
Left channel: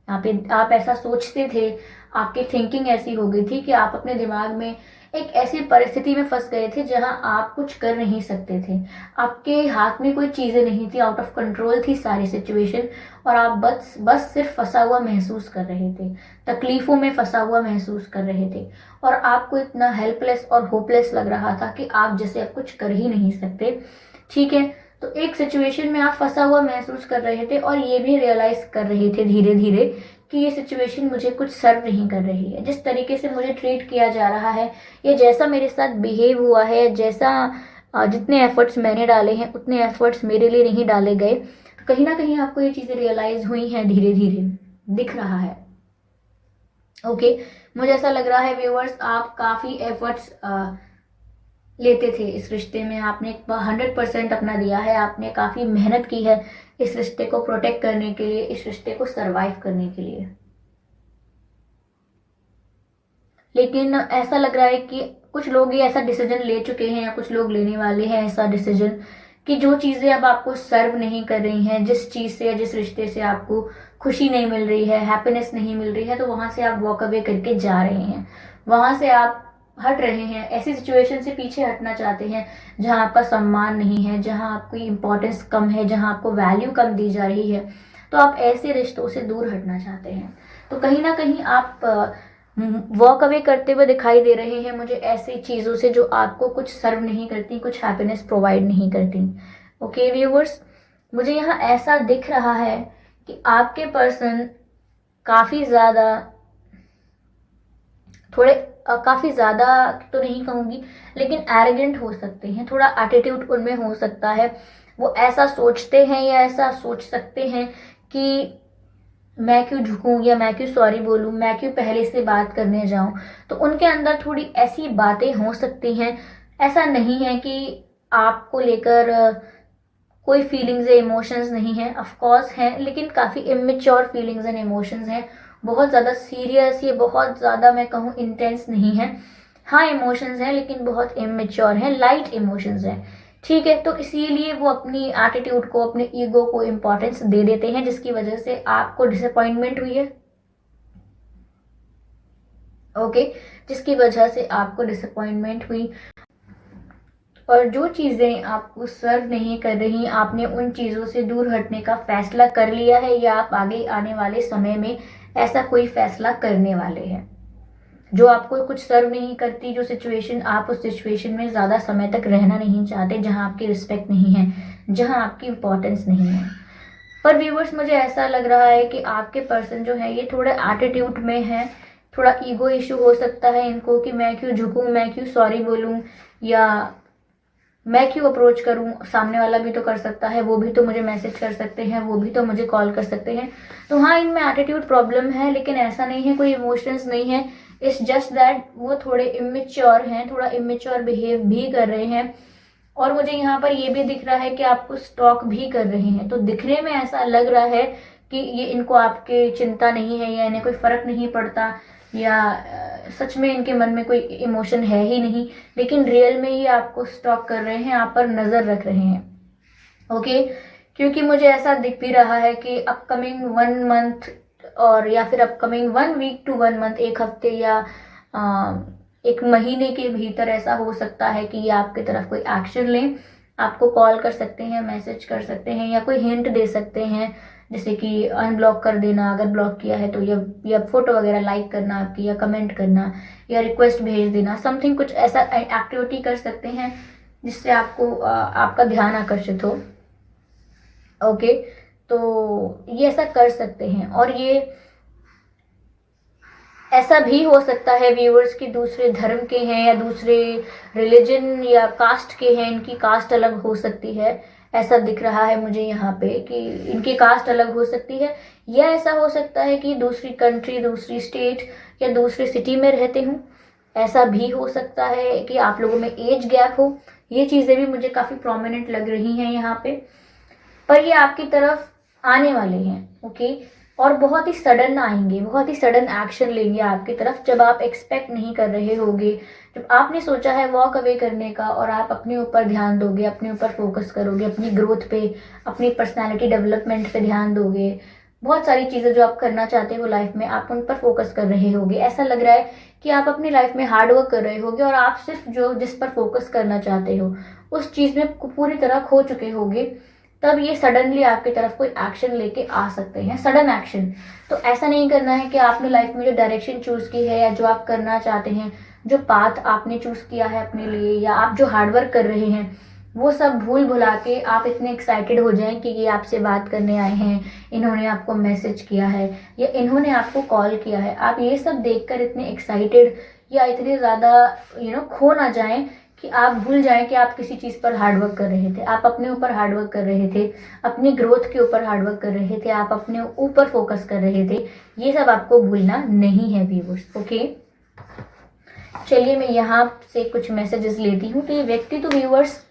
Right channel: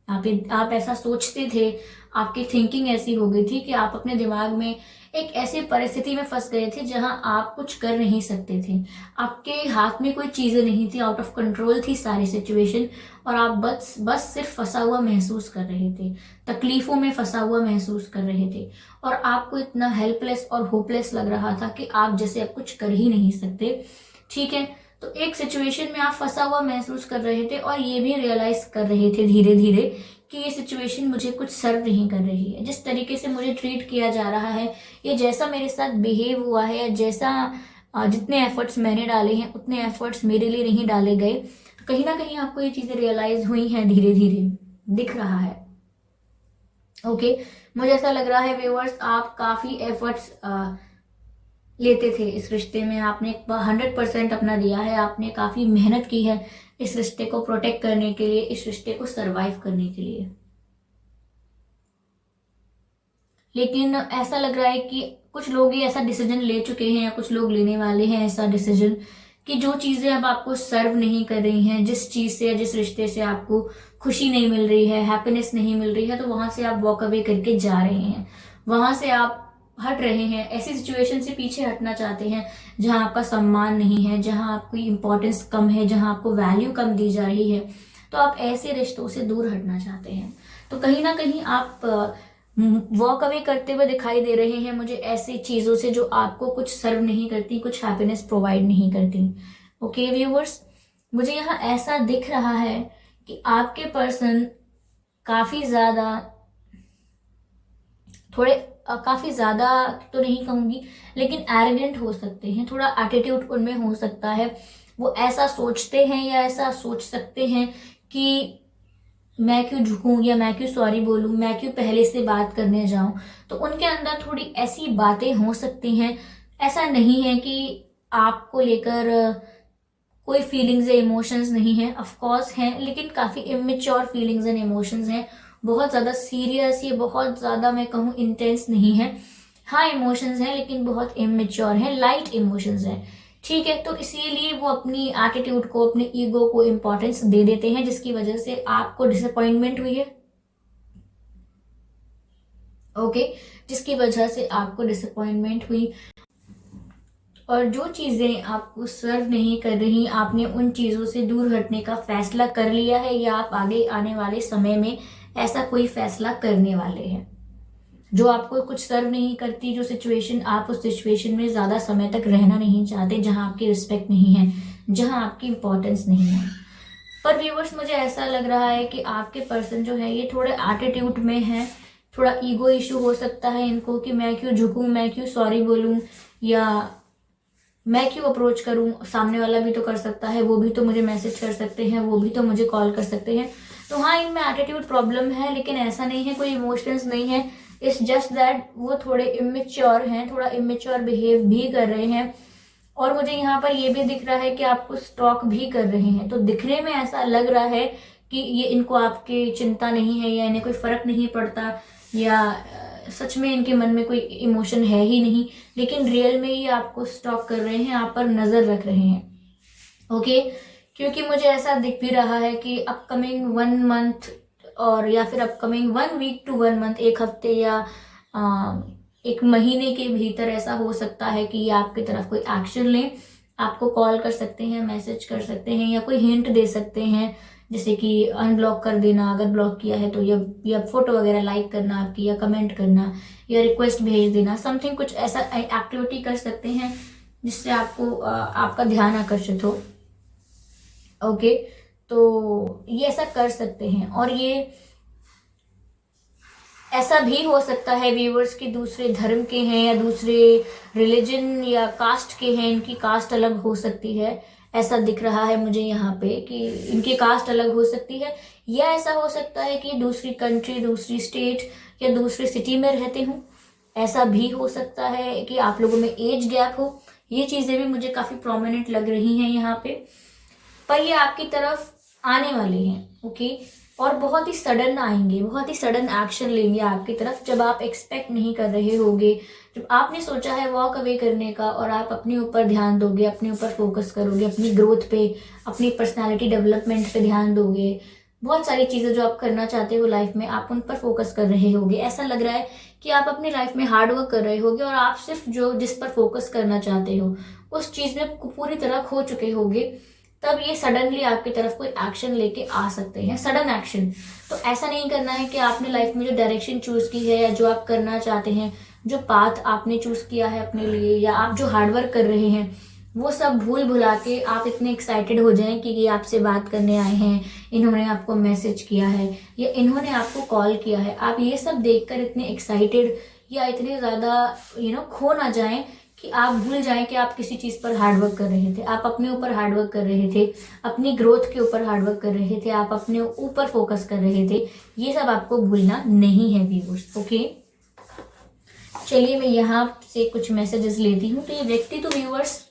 आप ऐसा सोचते थे, आपकी थिंकिंग ऐसी हो गई थी कि आप अपने दिमाग में एक ऐसी परिस्थिति में फंस गए थे जहां आप कुछ कर नहीं सकते थे। आपके हाथ में कोई चीजें नहीं थी, आउट ऑफ कंट्रोल थी सारी सिचुएशन, और आप बस सिर्फ फंसा हुआ महसूस कर रहे थे, तकलीफों में फंसा हुआ महसूस कर रहे थे, और आपको इतना हेल्पलेस और होपलेस लग रहा था कि आप जैसे अब कुछ कर ही नहीं सकते। ठीक है, तो एक सिचुएशन में आप फंसा हुआ महसूस कर रहे थे, और ये भी रियलाइज कर रहे थे धीरे धीरे कि ये सिचुएशन मुझे कुछ सर्व नहीं कर रही है। जिस तरीके से मुझे ट्रीट किया जा रहा है, या जैसा मेरे साथ बिहेव हुआ है, जैसा जितने एफर्ट्स मैंने डाले हैं उतने एफर्ट्स मेरे लिए नहीं डाले गए। कहीं ना कहीं आपको ये चीजें रियलाइज हुई हैं, धीरे धीरे दिख रहा है। ओके, मुझे ऐसा लग रहा है व्यूअर्स, आप काफी एफर्ट्स लेते थे इस रिश्ते में, आपने 100% अपना दिया है, आपने काफी मेहनत की है इस रिश्ते को प्रोटेक्ट करने के लिए, इस रिश्ते को सरवाइव करने के लिए। लेकिन ऐसा लग रहा है कि कुछ लोग ये ऐसा डिसीजन ले चुके हैं या कुछ लोग लेने वाले हैं ऐसा डिसीजन कि जो चीजें अब आपको सर्व नहीं कर रही हैं, जिस चीज से जिस रिश्ते से आपको खुशी नहीं मिल रही है, हैप्पीनेस नहीं मिल रही है, तो वहां से आप वॉक अवे करके जा रहे हैं, वहां से आप हट रहे हैं, ऐसी सिचुएशन से पीछे हटना चाहते हैं जहां आपका सम्मान नहीं है, जहां आपकी इंपॉर्टेंस कम है, जहां आपको वैल्यू कम दी जा रही है, तो आप ऐसे रिश्तों से दूर हटना चाहते हैं। तो कहीं ना कहीं आप वॉक अवे करते हुए दिखाई दे रहे हैं मुझे ऐसी चीजों से जो आपको कुछ सर्व नहीं करती, कुछ हैप्पीनेस प्रोवाइड नहीं करती। ओके व्यूवर्स, मुझे यहाँ ऐसा दिख रहा है कि आपके पर्सन काफी ज्यादा, थोड़े काफी ज्यादा तो नहीं कहूंगी, लेकिन एरोगेंट हो सकते हैं, थोड़ा एटीट्यूड उनमें हो सकता है। वो ऐसा सोचते हैं या ऐसा सोच सकते हैं कि मैं क्यों झुकूं या मैं क्यों सॉरी बोलूं, मैं क्यों पहले से बात करने जाऊं। तो उनके अंदर थोड़ी ऐसी बातें हो सकती हैं। ऐसा नहीं है कि आपको लेकर कोई फीलिंग्स या इमोशंस नहीं है, ऑफ कोर्स हैं, लेकिन काफी इमेच्योर फीलिंग्स एंड इमोशंस हैं, बहुत ज्यादा सीरियस, ये बहुत ज्यादा मैं कहूँ इंटेंस नहीं है। हाँ इमोशंस हैं लेकिन बहुत इमेच्योर हैं, लाइट इमोशंस हैं। ठीक है, तो इसीलिए वो अपनी एटीट्यूड को, अपने ईगो को इम्पोर्टेंस दे देते हैं, जिसकी वजह से आपको डिसअपॉइंटमेंट हुई है। ओके, जिसकी वजह से आपको डिसअपॉइंटमेंट हुई, और जो चीजें आपको सर्व नहीं कर रही, आपने उन चीजों से दूर हटने का फैसला कर लिया है या आप आगे आने वाले समय में ऐसा कोई फैसला करने वाले हैं जो आपको कुछ सर्व नहीं करती, जो सिचुएशन, आप उस सिचुएशन में ज्यादा समय तक रहना नहीं चाहते, जहां आपकी रिस्पेक्ट नहीं है, जहां आपकी इंपॉर्टेंस नहीं है। पर व्यूवर्स, मुझे ऐसा लग रहा है कि आपके पर्सन जो है ये थोड़े एटीट्यूड में है, थोड़ा ईगो इशू हो सकता है इनको कि मैं क्यों झुकूं, मैं क्यों सॉरी बोलूं, या मैं क्यों अप्रोच करूं, सामने वाला भी तो कर सकता है, वो भी तो मुझे मैसेज कर सकते हैं, वो भी तो मुझे कॉल कर सकते हैं। तो हाँ, इनमें एटीट्यूड प्रॉब्लम है, लेकिन ऐसा नहीं है, कोई इमोशंस नहीं है। इट्स जस्ट दैट वो थोड़े इमेच्योर हैं, थोड़ा इमेच्योर बिहेव भी कर रहे हैं। और मुझे यहाँ पर ये भी दिख रहा है कि आपको स्टॉक भी कर रहे हैं। तो दिखने में ऐसा लग रहा है कि ये इनको आपके चिंता नहीं है या इन्हें कोई फर्क नहीं पड़ता, या सच में इनके मन में कोई इमोशन है ही नहीं, लेकिन रियल में ये आपको स्टॉक कर रहे हैं, आप पर नजर रख रहे हैं। ओके, क्योंकि मुझे ऐसा दिख भी रहा है कि अपकमिंग 1 मंथ, और या फिर अपकमिंग 1 वीक टू 1 मंथ, एक हफ्ते या एक महीने के भीतर ऐसा हो सकता है कि ये आपकी तरफ कोई एक्शन लें, आपको कॉल कर सकते हैं, मैसेज कर सकते हैं, या कोई हिंट दे सकते हैं, जैसे कि अनब्लॉक कर देना अगर ब्लॉक किया है तो, या फोटो वगैरह लाइक करना आपकी, या कमेंट करना, या रिक्वेस्ट भेज देना, समथिंग कुछ ऐसा एक्टिविटी कर सकते हैं जिससे आपको आपका ध्यान आकर्षित हो। ओके, तो ये ऐसा कर सकते हैं। और ये ऐसा भी हो सकता है व्यूअर्स की दूसरे धर्म के हैं या दूसरे रिलीजन या कास्ट के हैं, इनकी कास्ट अलग हो सकती है, ऐसा दिख रहा है मुझे यहाँ पे कि इनकी कास्ट अलग हो सकती है। या ऐसा हो सकता है कि दूसरी कंट्री, दूसरी स्टेट या दूसरी सिटी में रहते हूँ, ऐसा भी हो सकता है कि आप लोगों में एज गैप हो। ये चीजें भी मुझे काफी प्रोमिनेंट लग रही हैं यहाँ पे। पर ये आपकी तरफ आने वाले हैं। ओके, और बहुत ही सडन आएंगे, बहुत ही सडन एक्शन लेंगे आपकी तरफ, जब आप एक्सपेक्ट नहीं कर रहे होगे, जब आपने सोचा है वॉक अवे करने का, और आप अपने ऊपर ध्यान दोगे, अपने ऊपर फोकस करोगे, अपनी ग्रोथ पे, अपनी पर्सनालिटी डेवलपमेंट पे ध्यान दोगे, बहुत सारी चीजें जो आप करना चाहते हो लाइफ में, आप उन पर फोकस कर रहे होगे। ऐसा लग रहा है कि आप अपनी लाइफ में हार्ड वर्क कर रहे होगे और आप सिर्फ जो जिस पर फोकस करना चाहते हो उस चीज में पूरी तरह खो चुके होगे। तब ये सडनली आपकी तरफ कोई एक्शन लेके आ सकते हैं, सडन एक्शन। तो ऐसा नहीं करना है कि आपने लाइफ में जो डायरेक्शन चूज की है या जो आप करना चाहते हैं, जो पाथ आपने चूज किया है अपने लिए, या आप जो हार्डवर्क कर रहे हैं, वो सब भूल भुला के आप इतने एक्साइटेड हो जाएं कि ये आपसे बात करने आए हैं, इन्होंने आपको मैसेज किया है या इन्होंने आपको कॉल किया है, आप ये सब देखकर इतने एक्साइटेड या इतने ज्यादा खो ना जाएं कि आप भूल जाएं कि आप किसी चीज़ पर हार्डवर्क कर रहे थे, आप अपने ऊपर हार्डवर्क कर रहे थे, अपनी ग्रोथ के ऊपर हार्डवर्क कर रहे थे, आप अपने ऊपर फोकस कर रहे थे। ये सब आपको भूलना नहीं है व्यूअर्स। ओके, चलिए मैं यहाँ से कुछ मैसेजेस लेती हूँ। तो ये व्यक्ति तो व्यूअर्स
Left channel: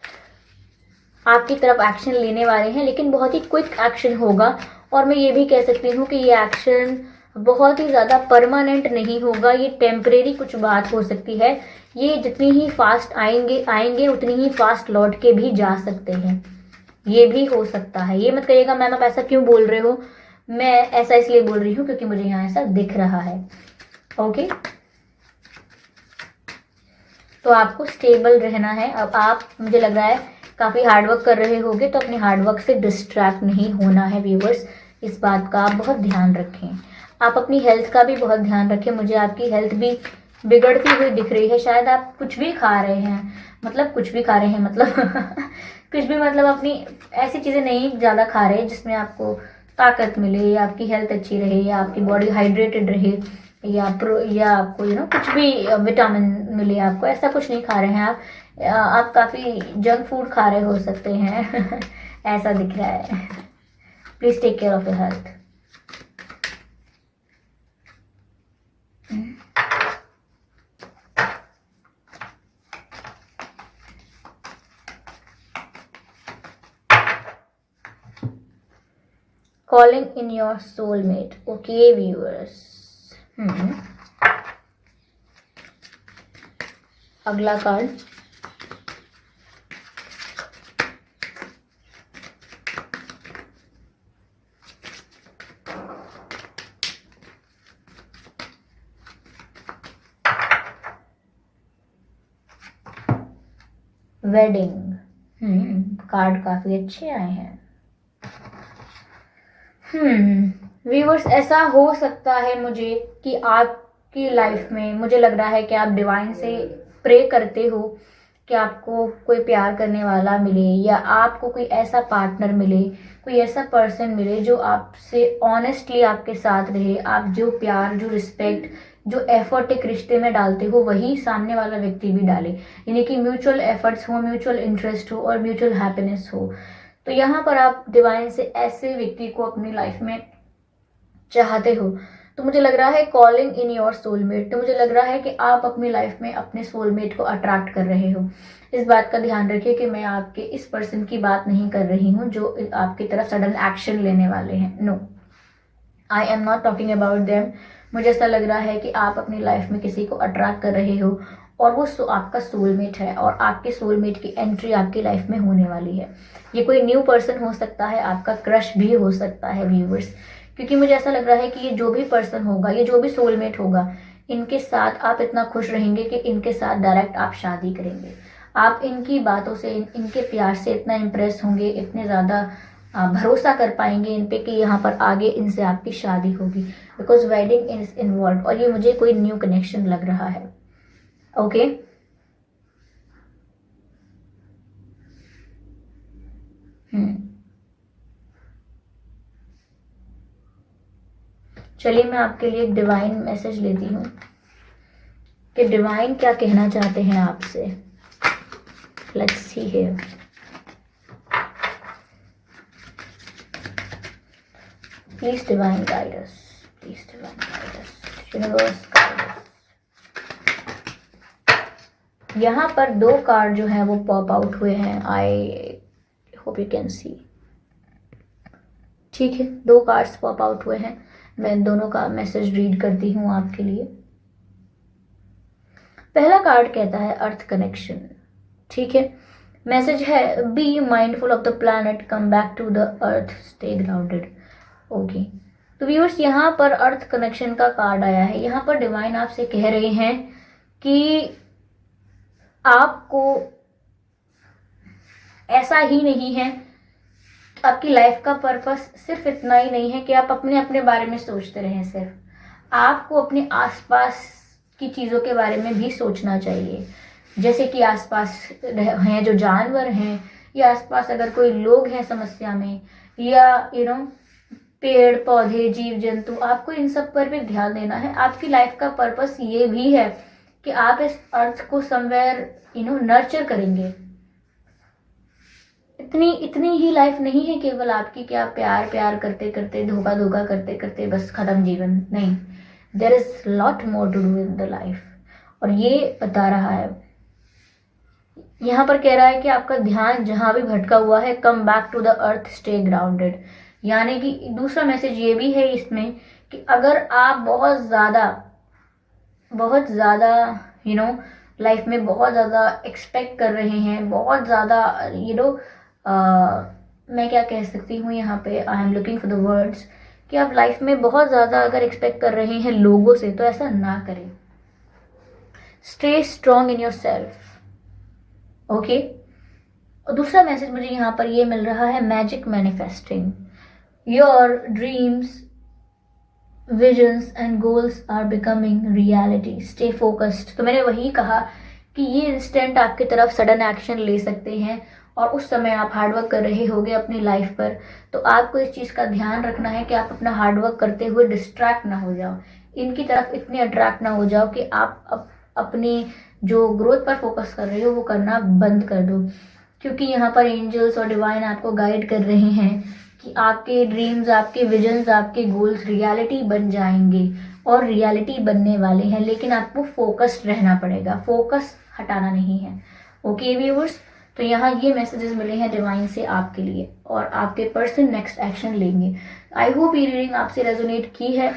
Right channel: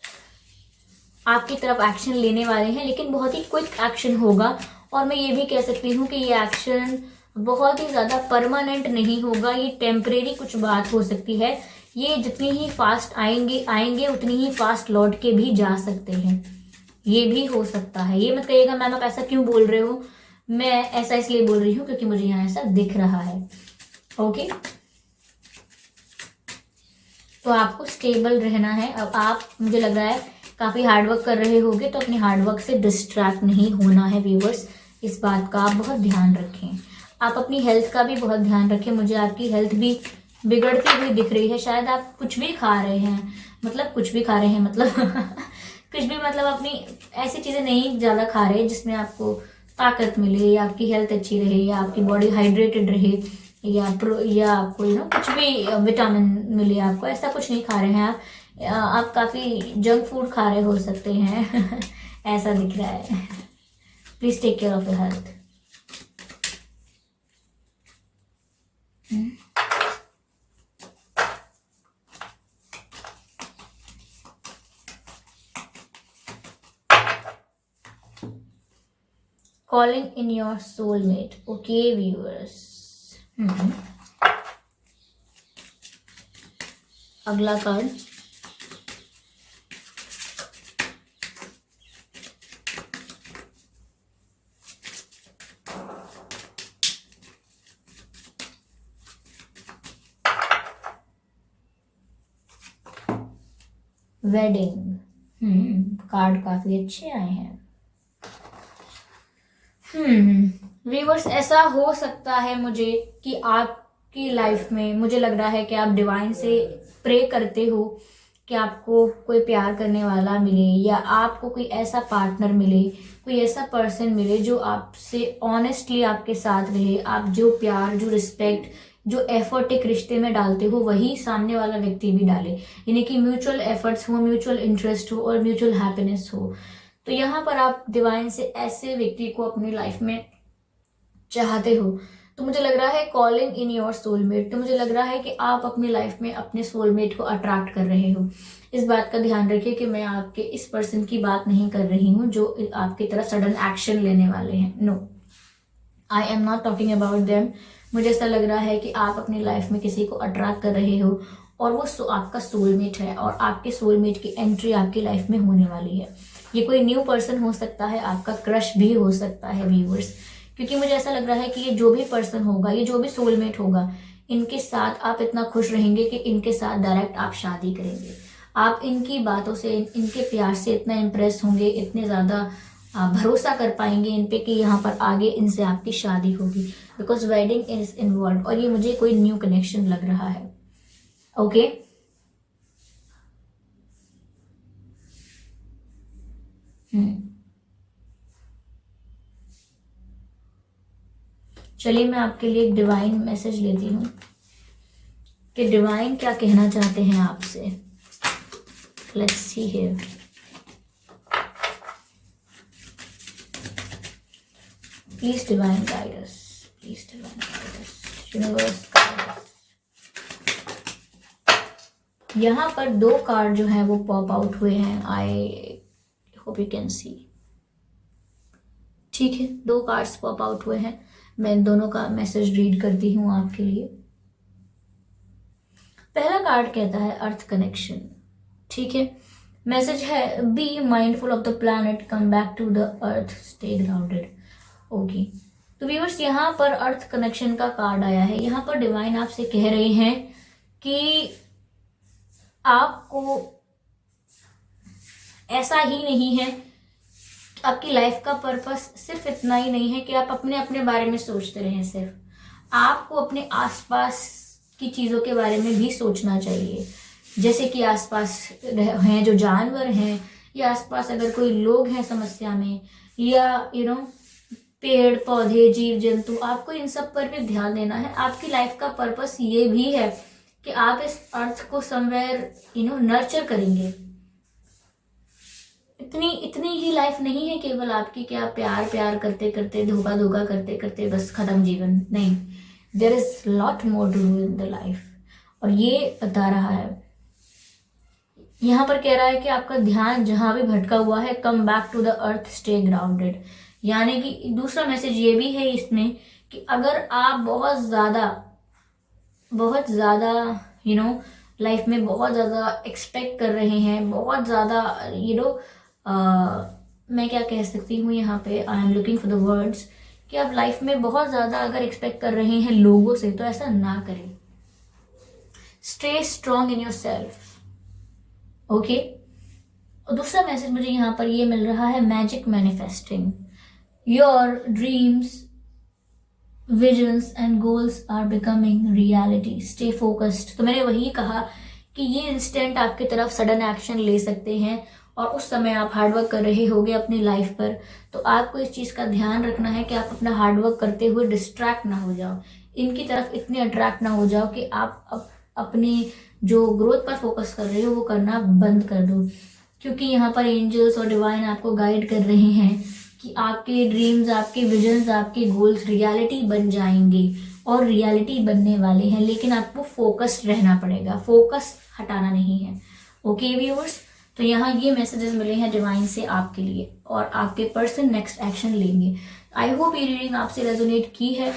आपकी तरफ एक्शन लेने वाले हैं, लेकिन बहुत ही क्विक एक्शन होगा। और मैं ये भी कह सकती हूँ कि ये एक्शन बहुत ही ज़्यादा परमानेंट नहीं होगा, ये टेम्परेरी कुछ बात हो सकती है। ये जितनी ही फास्ट आएंगे उतनी ही फास्ट लौट के भी जा सकते हैं, ये भी हो सकता है। ये मत कहिएगा मैम आप ऐसा क्यों बोल रहे हो, मैं ऐसा इसलिए बोल रही हूँ क्योंकि मुझे यहाँ ऐसा दिख रहा है। ओके, तो आपको स्टेबल रहना है। अब आप, मुझे लग रहा है काफ़ी हार्डवर्क कर रहे होगे, तो अपने हार्डवर्क से डिस्ट्रैक्ट नहीं होना है व्यूवर्स, इस बात का आप बहुत ध्यान रखें। आप अपनी हेल्थ का भी बहुत ध्यान रखें। मुझे आपकी हेल्थ भी बिगड़ती हुई दिख रही है। शायद आप कुछ भी खा रहे हैं, मतलब कुछ भी खा रहे हैं मतलब कुछ भी मतलब अपनी ऐसी चीज़ें नहीं ज़्यादा खा रहे जिसमें आपको ताकत मिले, या आपकी हेल्थ अच्छी रहे, या आपकी बॉडी हाइड्रेटेड रहे, या आपको कुछ भी विटामिन मिले आपको, ऐसा कुछ नहीं खा रहे हैं आप काफ़ी जंक फूड खा रहे हो सकते हैं ऐसा दिख रहा है। Please take care of your health. Calling in your soulmate. Okay, viewers. अगला कार्ड, वेडिंग। कार्ड काफी अच्छे आए हैं। व्यूअर्स, ऐसा हो सकता है मुझे कि आपकी लाइफ में, मुझे लग रहा है कि आप डिवाइन से प्रे करते हो कि आपको कोई प्यार करने वाला मिले, या आपको कोई ऐसा पार्टनर मिले, कोई ऐसा पर्सन मिले जो आपसे ऑनेस्टली आपके साथ रहे। आप जो प्यार, जो रिस्पेक्ट, जो एफर्ट एक रिश्ते में डालते हो, वही सामने वाला व्यक्ति भी डाले, यानी कि म्यूचुअल एफर्ट्स हो, म्यूचुअल इंटरेस्ट हो और म्यूचुअल हैप्पीनेस हो। तो यहाँ पर आप डिवाइन से ऐसे व्यक्ति को अपनी लाइफ में चाहते हो। तो मुझे लग रहा है कॉलिंग इन योर सोलमेट, तो मुझे लग रहा है कि आप अपनी लाइफ में अपने सोलमेट को अट्रैक्ट कर रहे हो। इस बात का ध्यान रखिए कि मैं आपके इस पर्सन की बात नहीं कर रही हूँ जो आपकी तरफ सडन एक्शन लेने वाले हैं। No, I am not talking about them. मुझे ऐसा लग रहा है कि आप अपनी लाइफ में किसी को अट्रैक्ट कर रहे हो और वो आपका सोलमेट है, और आपके सोलमेट की एंट्री आपकी लाइफ में होने वाली है। ये कोई न्यू पर्सन हो सकता है, आपका क्रश भी हो सकता है व्यूवर्स, क्योंकि मुझे ऐसा लग रहा है कि ये जो भी पर्सन होगा, ये जो भी सोलमेट होगा, इनके साथ आप इतना खुश रहेंगे कि इनके साथ डायरेक्ट आप शादी करेंगे। आप इनकी बातों से, इनके प्यार से इतना इम्प्रेस होंगे, इतने ज़्यादा भरोसा कर पाएंगे इन पे कि यहाँ पर आगे इनसे आपकी शादी होगी, बिकॉज वेडिंग इज इन्वॉल्व, और ये मुझे कोई न्यू कनेक्शन लग रहा है। ओके, चलिए मैं आपके लिए एक डिवाइन मैसेज लेती हूँ कि डिवाइन क्या कहना चाहते हैं आपसे। Let's see here. Please divine guide us, please divine guide us, universe guide us. यहाँ पर दो कार्ड जो है वो पॉप आउट हुए हैं। I hope you can see. ठीक है, दो कार्ड्स पॉप आउट हुए हैं। मैं दोनों का मैसेज रीड करती हूँ आपके लिए। पहला कार्ड कहता है अर्थ कनेक्शन। ठीक है, मैसेज है be mindful of the planet, come back to the earth, stay grounded. Okay, तो व्यूअर्स यहाँ पर अर्थ कनेक्शन का कार्ड आया है। यहाँ पर डिवाइन आपसे कह रहे हैं कि आपको ऐसा ही नहीं है, आपकी लाइफ का पर्पस सिर्फ इतना ही नहीं है कि आप अपने अपने बारे में सोचते रहें। सिर्फ आपको अपने आसपास की चीज़ों के बारे में भी सोचना चाहिए, जैसे कि आसपास हैं जो जानवर हैं, या आसपास अगर कोई लोग हैं समस्या में, या पेड़ पौधे, जीव जंतु, आपको इन सब पर भी ध्यान देना है। आपकी लाइफ का पर्पस ये भी है कि आप इस अर्थ को समवेयर नर्चर करेंगे। इतनी ही लाइफ नहीं है केवल आपकी कि आप प्यार प्यार करते करते, धोखा धोखा करते करते बस खत्म जीवन। नहीं, there is lot more to do in the life. और ये बता रहा है, यहाँ पर कह रहा है कि आपका ध्यान जहां भी भटका हुआ है, come back to the earth, stay grounded. यानी कि दूसरा मैसेज ये भी है इसमें कि अगर आप बहुत ज़्यादा लाइफ में बहुत ज़्यादा एक्सपेक्ट कर रहे हैं, बहुत ज़्यादा मैं क्या कह सकती हूँ यहाँ पे, I am looking for the words, कि आप लाइफ में बहुत ज़्यादा अगर एक्सपेक्ट कर रहे हैं लोगों से, तो ऐसा ना करें। Stay strong in your self, okay. और दूसरा मैसेज मुझे यहाँ पर ये मिल रहा है, magic manifesting, your dreams, visions and goals are becoming reality, stay focused. तो मैंने वही कहा कि ये इंस्टेंट आपकी तरफ सडन एक्शन ले सकते हैं, और उस समय आप हार्डवर्क कर रहे होगे अपनी लाइफ पर, तो आपको इस चीज़ का ध्यान रखना है कि आप अपना हार्डवर्क करते हुए डिस्ट्रैक्ट ना हो जाओ, इनकी तरफ इतने अट्रैक्ट ना हो जाओ कि आप अपनी जो ग्रोथ पर फोकस कर रहे हो वो करना बंद कर दो। क्योंकि यहाँ पर एंजल्स और डिवाइन आपको गाइड कर रहे हैं कि आपके ड्रीम्स, आपके विजन्स, आपके गोल्स रियलिटी बन जाएंगे और रियलिटी बनने वाले हैं, लेकिन आपको फोकस्ड रहना पड़ेगा, फोकस हटाना नहीं है। ओके व्यूअर्स, तो यहाँ ये मैसेजेस मिले हैं डिवाइन से आपके लिए, और आपके पर्सन नेक्स्ट एक्शन लेंगे। आई होप ये रीडिंग आपसे रेजोनेट की है।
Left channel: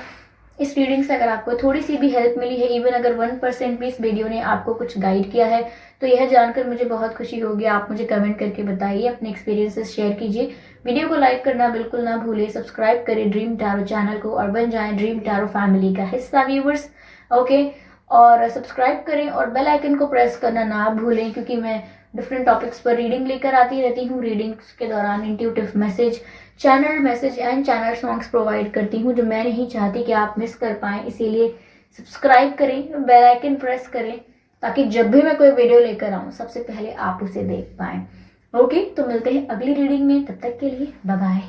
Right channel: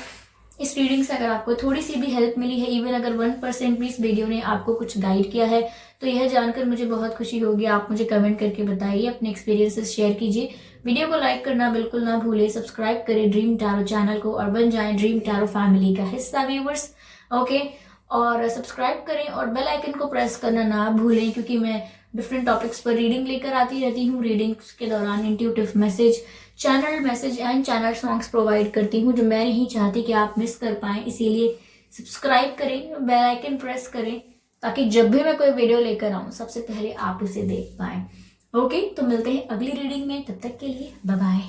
इस रीडिंग से अगर आपको थोड़ी सी भी हेल्प मिली है, इवन अगर 1% भी इस वीडियो ने आपको कुछ गाइड किया है, तो यह जानकर मुझे बहुत खुशी होगी। आप मुझे कमेंट करके बताइए, अपने एक्सपीरियंसेस शेयर कीजिए। वीडियो को लाइक करना बिल्कुल ना भूले, सब्सक्राइब करें ड्रीम टैरो चैनल को और बन जाएं ड्रीम टैरो फैमिली का हिस्सा व्यूवर्स, ओके। और सब्सक्राइब करें और बेल आइकन को प्रेस करना ना भूलें, क्योंकि मैं डिफरेंट टॉपिक्स पर रीडिंग लेकर आती रहती हूँ। रीडिंग्स के दौरान intuitive message, channel message and channel songs provide करती हूँ, जो मैं नहीं चाहती कि आप मिस कर पाएं। इसीलिए सब्सक्राइब करें, बेल आइकन प्रेस करें, ताकि जब भी मैं कोई वीडियो लेकर आऊँ सबसे पहले आप उसे देख पाएं। ओके, तो मिलते हैं अगली रीडिंग में, तब तक के लिए बाय बाय।